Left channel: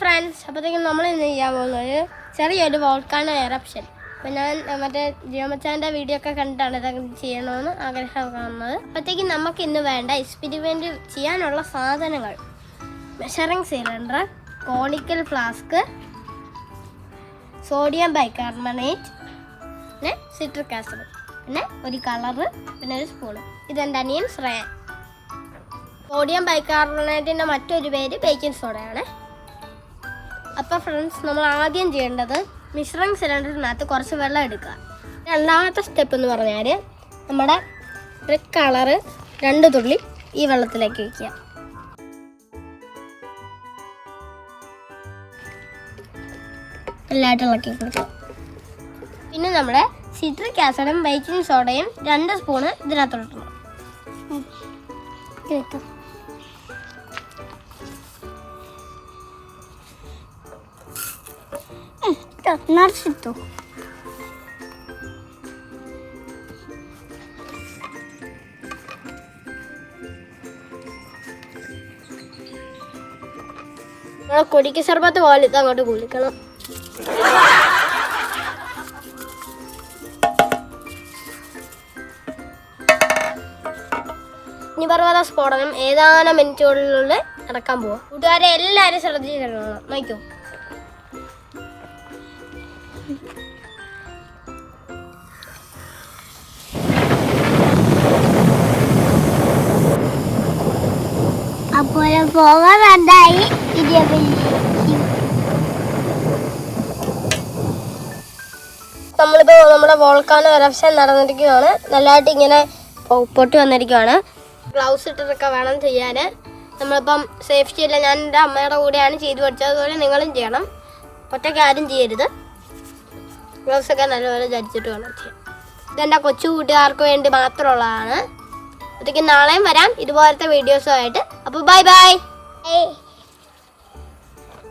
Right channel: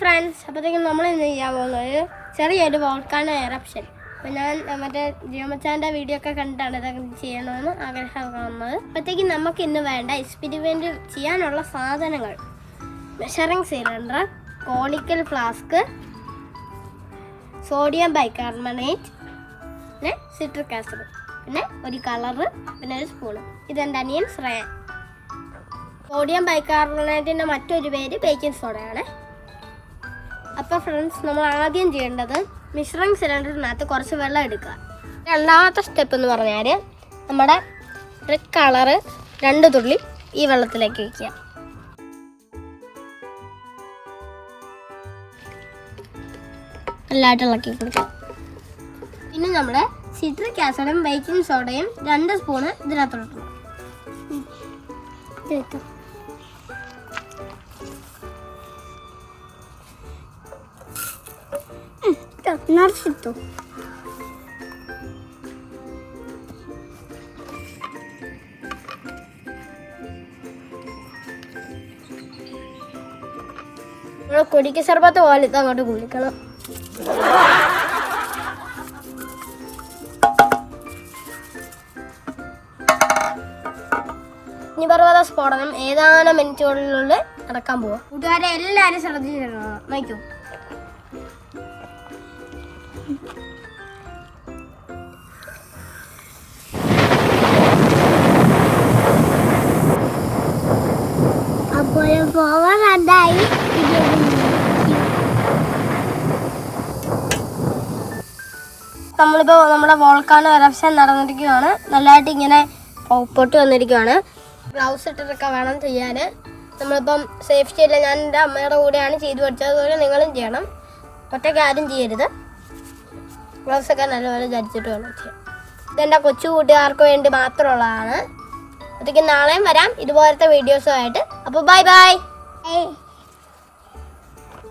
Friends അപ്പോഴത്തേക്കും നമ്മൾ ഇന്ന് ചെയ്യാൻ പോകുന്നത് ചെറിയൊരു വോൾക്കാണ് എറപ്ഷൻ അപ്പം ഞാൻ മറ്റേ ജിയോമച്ചാന്റെ വീഡിയോ ഒക്കെ കണ്ടിട്ടാണ് ഇതൊക്കെ ചെയ്യണമെന്ന് ആഗ്രഹം കാണുന്നത്. അപ്പോഴത്തേക്കും നമുക്ക് ഇന്ന് വേണ്ട എക്സ്പെരിമെന്റ് ചെയ്യാനുള്ള സാധനങ്ങൾ. Measuring cylinder conical flask sodium bicarbonate പിന്നെ സിട്രിക് ആസിഡ് പിന്നെ ഒരു കളറ് പിന്നെ ഒരു സ്പൂണ് ഇതെന്റെ അനിയൻ ശ്രേയ. സോഡിയം ബൈകാർബണേറ്റിന്റെ മറ്റൊരു പേര് ബേക്കിംഗ് സോഡയാണ് അപ്പോൾ ഫ്രണ്ട്സ് നമ്മൾ ആദ്യം ചെയ്യേണ്ടത് മിശ്രിങ് സിലിണ്ടറിനകത്ത് കുറച്ച് വെള്ളം എടുക്കുക. രണ്ടാമത്തെ സ്റ്റെപ്പ് എന്ന് പറഞ്ഞാൽ നമ്മുടെ റെഡ് കളറ് രണ്ട് തുള്ളി ഈ വെള്ളത്തിലേക്ക് വയ്ക്കുക നല്ലതായിട്ട് ഇളക്കി കൊടുക്കുക. പിന്നെ നമ്മുടെ സിട്രിക് ആസിഡും ബേക്കിംഗ് സോഡയും രണ്ട് സ്പൂണ് ഇതിനകത്തോട്ട് നിറച്ചിട്ടു കൊടിക്ക് സർബത്ത് പോലെ ഇത് അങ്ങോട്ട് കുളിക്കണം. അഗ്നിപർവത സ്ഫോടനം. ഏതാനും മിനിറ്റുകളിലുള്ളിൽ നടക്കാൻ പോവാം. കൂട്ടുകാരെ എല്ലാവരും ശ്രദ്ധിച്ചിട്ടുണ്ടോ നോക്കൂ അപ്പോൾ പോകാൻ വേണ്ടായി നമ്മളിപ്പോൾ നമ്മുടെ വോൾക്കാണ് എറപ്ഷൻ നടന്നിരിക്കുകയാണ് നല്ലതായിട്ട് ഇങ്ങനെ പൊട്ടി വന്നിരിക്കുകയാണ് ഗ്ലൗസ് ഇട്ടിട്ടൊക്കെ വേണം ചെയ്യാൻ. നമ്മളിപ്പം സേഫ്റ്റി അല്ല ഞാൻ എന്റെ അമ്മയുടെ കൂടെയാണ് ചെയ്തു പഠിച്ചത്. അതുപോലെ നിങ്ങളും ചെയ്യണം. ഒറ്റയ്ക്ക് ആരും ചെയ്യരുത്. ഗ്ലൗസ് ഒക്കെ നല്ലപോലെ ധരിച്ചിട്ട് വേണം ചെയ്യാം ഇതെന്റെ കൊച്ചു കൂട്ടുകാർക്ക് വേണ്ടി മാത്രമുള്ളതാണ്. അതൊക്കെ നാളെയും വരാം. ഇതുപോലത്തെ വീഡിയോസുമായിട്ട് അപ്പോൾ ബൈ ബൈ